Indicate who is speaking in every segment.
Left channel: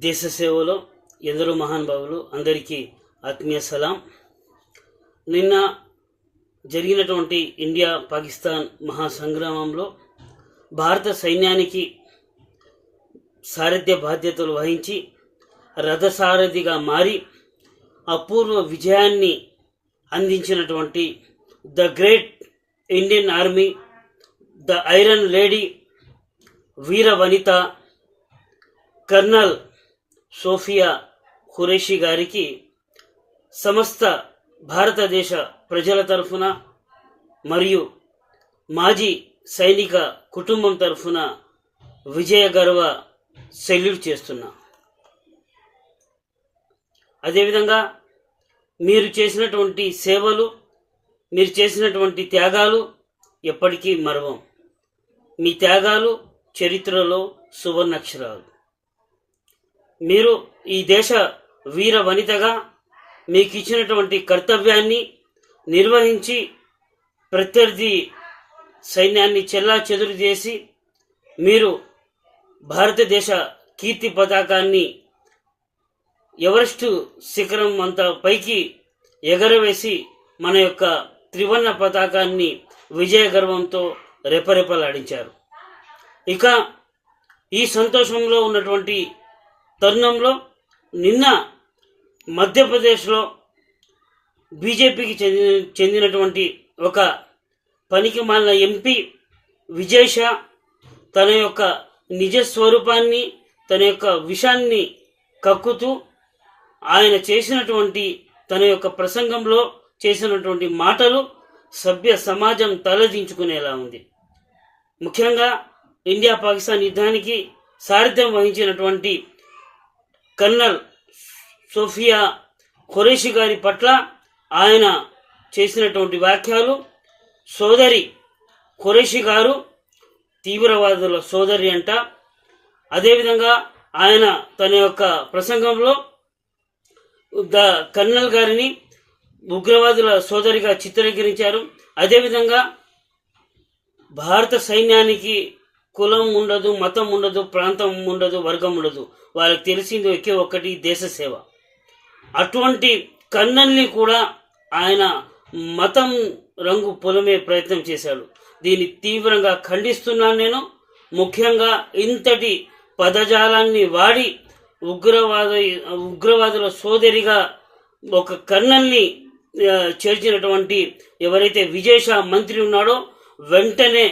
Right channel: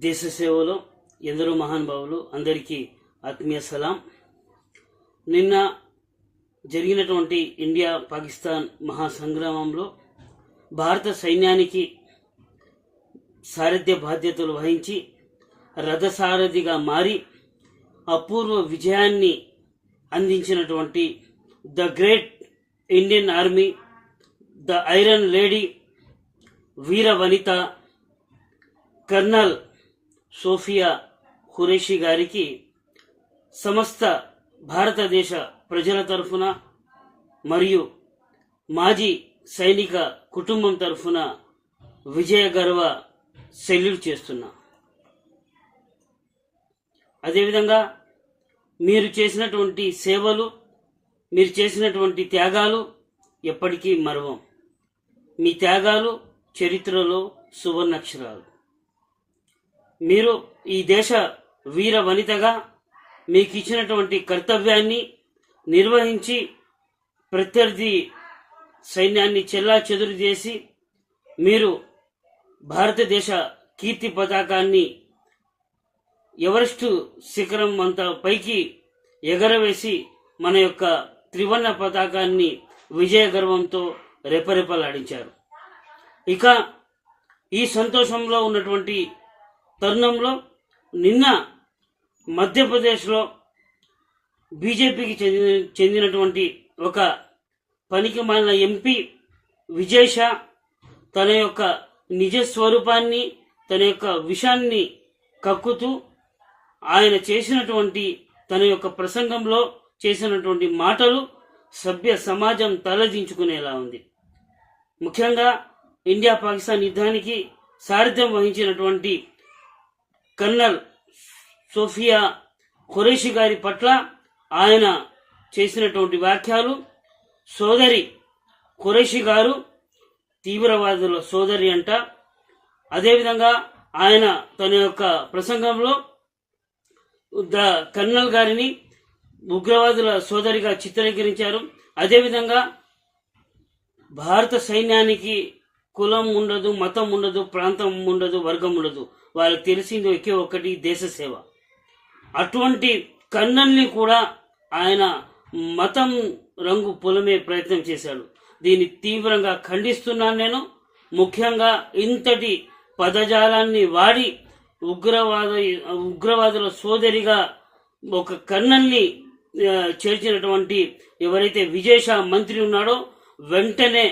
Speaker 1: దేశ సేవలో ఎందరో మహానుభావులు అందరికీ ఆత్మీయ సలాం. నిన్న జరిగినటువంటి ఇండియా పాకిస్తాన్ మహాసంగ్రామంలో భారత సైన్యానికి సారథ్య బాధ్యతలు వహించి రథసారథిగా మారి అపూర్వ విజయాన్ని అందించినటువంటి the great Indian army the iron lady వీర వనిత కర్నల్ సోఫియా ఖురేషి గారికి సమస్త భారతదేశ ప్రజల తరఫున మరియు మాజీ సైనిక కుటుంబం తరఫున విజయ గర్వ సెల్యూట్ చేస్తున్నా. అదేవిధంగా మీరు చేసినటువంటి సేవలు మీరు చేసినటువంటి త్యాగాలు ఎప్పటికీ మరవం. మీ త్యాగాలు చరిత్రలో సువర్ణాక్షరాలు. మీరు ఈ దేశ వీర వనితగా మీకు ఇచ్చినటువంటి కర్తవ్యాన్ని నిర్వహించి ప్రత్యర్థి సైన్యాన్ని చెల్లా చెదురు చేసి మీరు భారతదేశ కీర్తి పతాకాన్ని ఎవరెస్టు శిఖరం అంత పైకి ఎగరవేసి మన యొక్క త్రివర్ణ పతాకాన్ని విజయ గర్వంతో రెపరెపలాడించారు. ఇక ఈ సంతోషంలో ఉన్నటువంటి తరుణంలో నిన్న మధ్యప్రదేశ్లో బీజేపీకి చెందిన చెందినటువంటి ఒక పనికి మాలిన ఎంపీ విజేష తన యొక్క నిజ స్వరూపాన్ని తన యొక్క విషాన్ని కక్కుతూ ఆయన చేసినటువంటి తన యొక్క ప్రసంగంలో చేసినటువంటి మాటలు సభ్య సమాజం తలదించుకునేలా ఉంది. ముఖ్యంగా ఇండియా పాకిస్తాన్ యుద్ధానికి సారథ్యం వహించినటువంటి కర్నల్ సోఫియా ఖురేషి గారి పట్ల ఆయన చేసినటువంటి వ్యాఖ్యలు సోదరి ఖురేషి గారు తీవ్రవాదుల సోదరి అంట. అదేవిధంగా ఆయన తన యొక్క ప్రసంగంలో ద కర్నల్ గారిని ఉగ్రవాదుల సోదరిగా చిత్రీకరించారు. అదేవిధంగా భారత సైన్యానికి కులం ఉండదు మతం ఉండదు ప్రాంతం ఉండదు వర్గం ఉండదు. వాళ్ళకి తెలిసింది ఒకే ఒక్కటి దేశ సేవ. అటువంటి కన్నల్ని కూడా ఆయన మతం రంగు పొలమే ప్రయత్నం చేశాడు. దీన్ని తీవ్రంగా ఖండిస్తున్నాను నేను. ముఖ్యంగా ఇంతటి పదజాలాన్ని వాడి ఉగ్రవాద ఉగ్రవాదుల సోదరిగా ఒక కన్నల్ని చేర్చినటువంటి ఎవరైతే విజయశాఖ మంత్రి ఉన్నాడో వెంటనే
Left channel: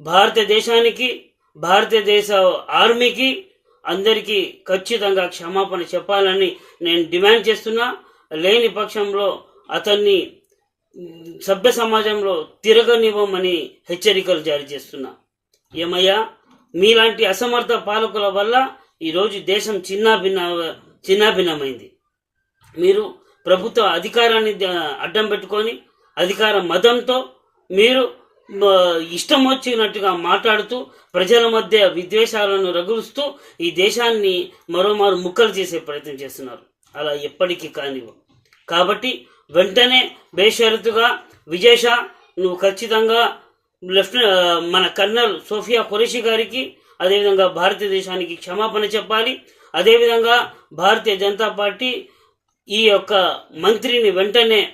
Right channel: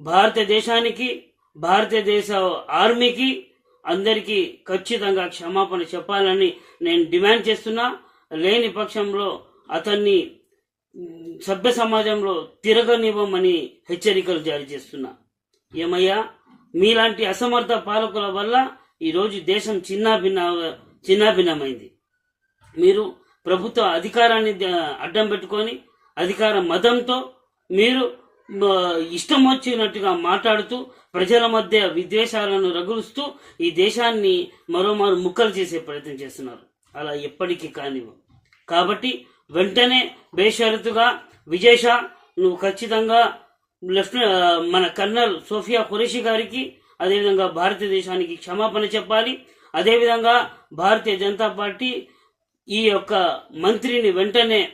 Speaker 1: భారతదేశానికి భారతదేశ ఆర్మీకి అందరికీ ఖచ్చితంగా క్షమాపణ చెప్పాలని నేను డిమాండ్ చేస్తున్నా. లేని పక్షంలో అతన్ని సభ్య సమాజంలో తిరగనివ్వమని హెచ్చరికలు జారీ చేస్తున్నా. ఏమయ్యా మీలాంటి అసమర్థ పాలకుల వల్ల ఈరోజు దేశం చిన్నాభిన్న చిన్నాభిన్నమైంది. మీరు ప్రభుత్వ అధికారాన్ని అడ్డం పెట్టుకొని అధికార మతంతో మీరు ఇష్టం వచ్చినట్టుగా మాట్లాడుతూ ప్రజల మధ్య విద్వేషాలను రగులుస్తూ ఈ దేశాన్ని మరోమారు ముక్కలు చేసే ప్రయత్నం చేస్తున్నారు. అలా ఎప్పటికీ కానివ్వు. కాబట్టి వెంటనే బేషరతుగా విజేష నువ్వు ఖచ్చితంగా లెఫ్ట్ మన కర్నల్ సోఫియా ఖురేషి గారికి అదేవిధంగా భారతదేశానికి క్షమాపణ చెప్పాలి. అదేవిధంగా భారతీయ జనతా పార్టీ ఈ యొక్క మంత్రిని వెంటనే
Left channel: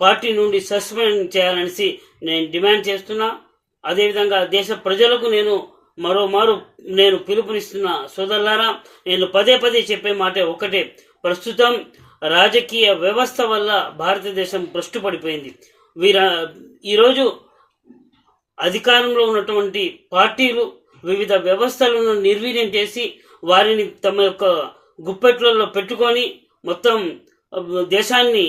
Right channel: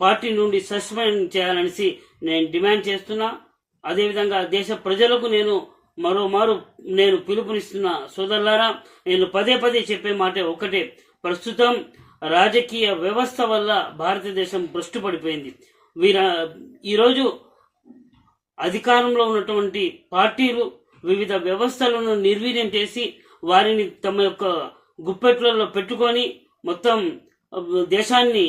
Speaker 1: పార్టీ నుండి సస్పెండ్ చేయాలనేసి నేను డిమాండ్ చేస్తున్నా. అదేవిధంగా దేశ ప్రజలకు నేను మరోమారు నేను పిలుపునిస్తున్న సోదరులారా నేను పదే పదే చెప్పే మాట ఒకటే ప్రస్తుతం రాజకీయ వ్యవస్థ వల్ల భారతదేశం భ్రష్టు పడిపోయింది. వీర ఈరోజు అధికారంలో ఉన్నటువంటి పార్టీలు వివిధ వ్యవస్థలను నిర్వీర్యం చేసి వారిని తమ యొక్క గుప్పెట్లలో పెట్టుకొని మొత్తం దేశాన్ని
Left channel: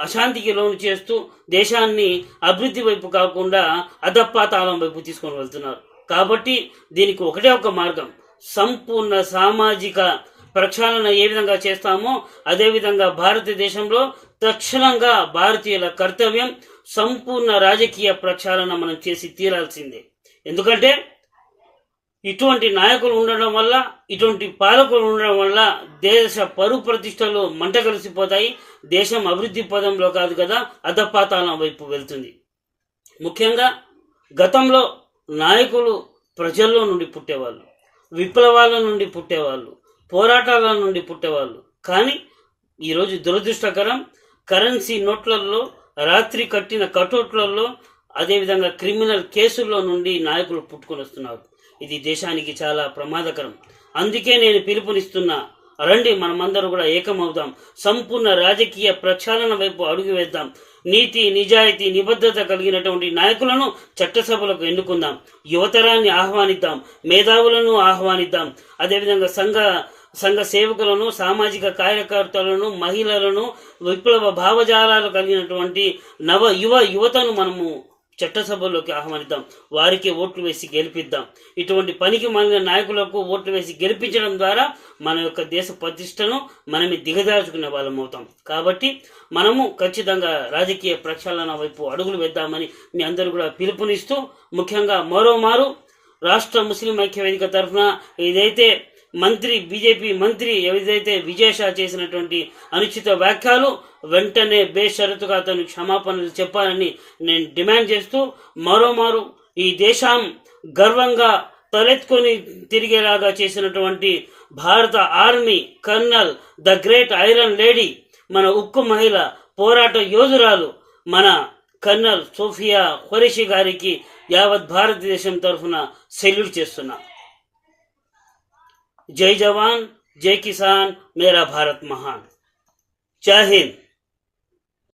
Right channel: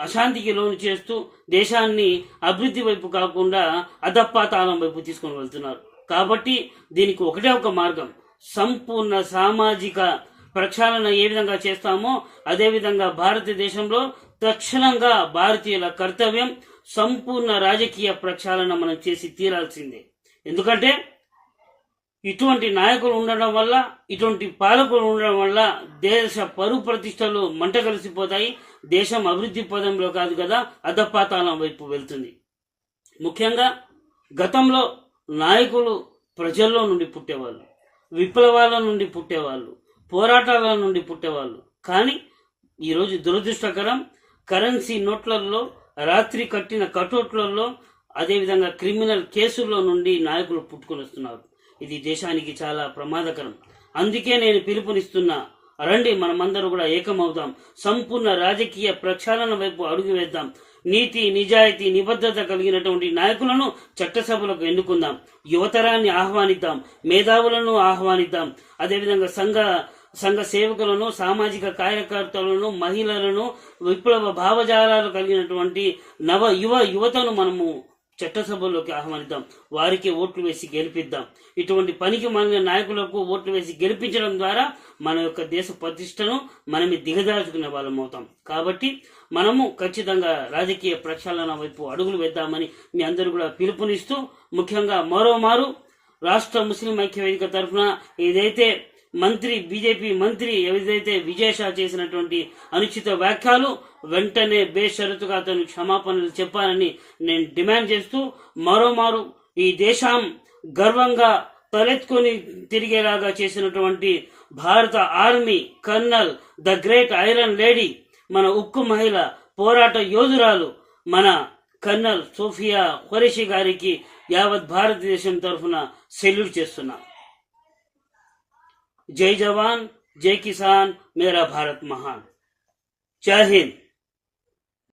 Speaker 1: అశాంతికి లోను చేస్తూ దేశాన్ని అభివృద్ధి వైపు కాకుండా అధపాతాళం వైపు తీసుకొని వెళ్తున్నారు. కాబట్టి దీనికి ఒకటే ఒక మార్గం. సంపూర్ణ సామాజిక ప్రక్షాళన ఏ విధంగా చేస్తామో అదేవిధంగా భారతదేశంలో తక్షణంగా భారతీయుల కర్తవ్యం సంపూర్ణ రాజకీయ ప్రక్షాళన మనం చేసి తీరాల్సిందే. ఎందుకంటే ఇటువంటి నాయకులు ఉండడం వల్ల ఇటువంటి పాలకులు ఉండడం వల్ల దేశ పరు ప్రతిష్టలు మంట కలిసిపోతాయి. దేశం అభివృద్ధి పదంలో కాదు కదా అధపాతాళం వైపు వెళ్తుంది. ముఖ్యంగా గతంలో నాయకులు ప్రజల్లో నుండి పుట్టేవాళ్ళు విప్లవాల నుండి పుట్టేవాళ్ళు పోరాటాల నుండి పుట్టేవాళ్ళు. కానీ ఈరోజు దురదృష్టకరం కరెన్సీ నోట్లలో రాత్రి కట్టిన కటౌట్లలో అదేవిధంగా క్రిమినల్ కేసుల్లో నుండి నాయకులు పుట్టుకొని వస్తున్నారు ఇది దేశానికి చాలా ప్రమాదకరం. అందుకే నేను పిలుపునిస్తున్నా రండి మనమందరూ కూడా ఏకమవుదాం. సంపూర్ణ రాజకీయ ప్రక్షాళన వైపు అడుగు వేద్దాం. నీతి నిజాయితీ నిబద్ధత కలిగినటువంటి నాయకులను చట్టసభలకు ఎన్నుకుందాం. యువతరాన్ని ఆహ్వానిద్దాం. మేధావులను ఆహ్వానిద్దాం. అదేవిధంగా సంఘ సంఘ సేవకులను సామాజిక కార్యకర్తలను మహిళలను విప్లవ భావజాలాలు కలిగినటువంటి నవ యువ యువతను మనము చట్టసభల్లోకి ఆహ్వానిద్దాం. వారికి ఓట్లు వేసి గెలిపిద్దాం. ఇటువంటి పనికి మన నాయకులకు ఓట్లు వేసి గెలిపించడం ద్వారా మన యొక్క దేశ ప్రతిష్టను మనమే దిగజార్చుకునే వాళ్ళం అవుతాం. కాబట్టి మనము ఖచ్చితంగా రాజకీయ ప్రక్షాళన వైపు అడుగులు వేద్దామని మీ అందరూ కూడా పిలుపునిస్తూ ముఖ్యంగా మరోమారు రాష్ట్ర ముస్లిం ఐక్య వేదిక తరఫున ఏదైతే మంత్రి బీజేపీ మంత్రి ఏదైతే విజయషా చేసినటువంటి అనుచిత వ్యాఖ్యలు వెంటనే బేషరతుగా అతను క్షమాపణలు చెప్పాలని నేను డిమాండ్ చేస్తూ మరోమారు ఈ దేశం గర్వంగా తలెత్తుకొని తిరిగేలాగా చేసినటువంటి Bharat army colonel the great iron lady మన ఉక్కు మహిళ పోరాట యోధురాలు మన కర్నల్ సోఫియా ఖురేషి గారికి యావత్ భారతదేశం తరఫున సెల్యూట్ చేస్తున్నా. जय जवान जय किसान मेरा भारत महान। जय हिंद।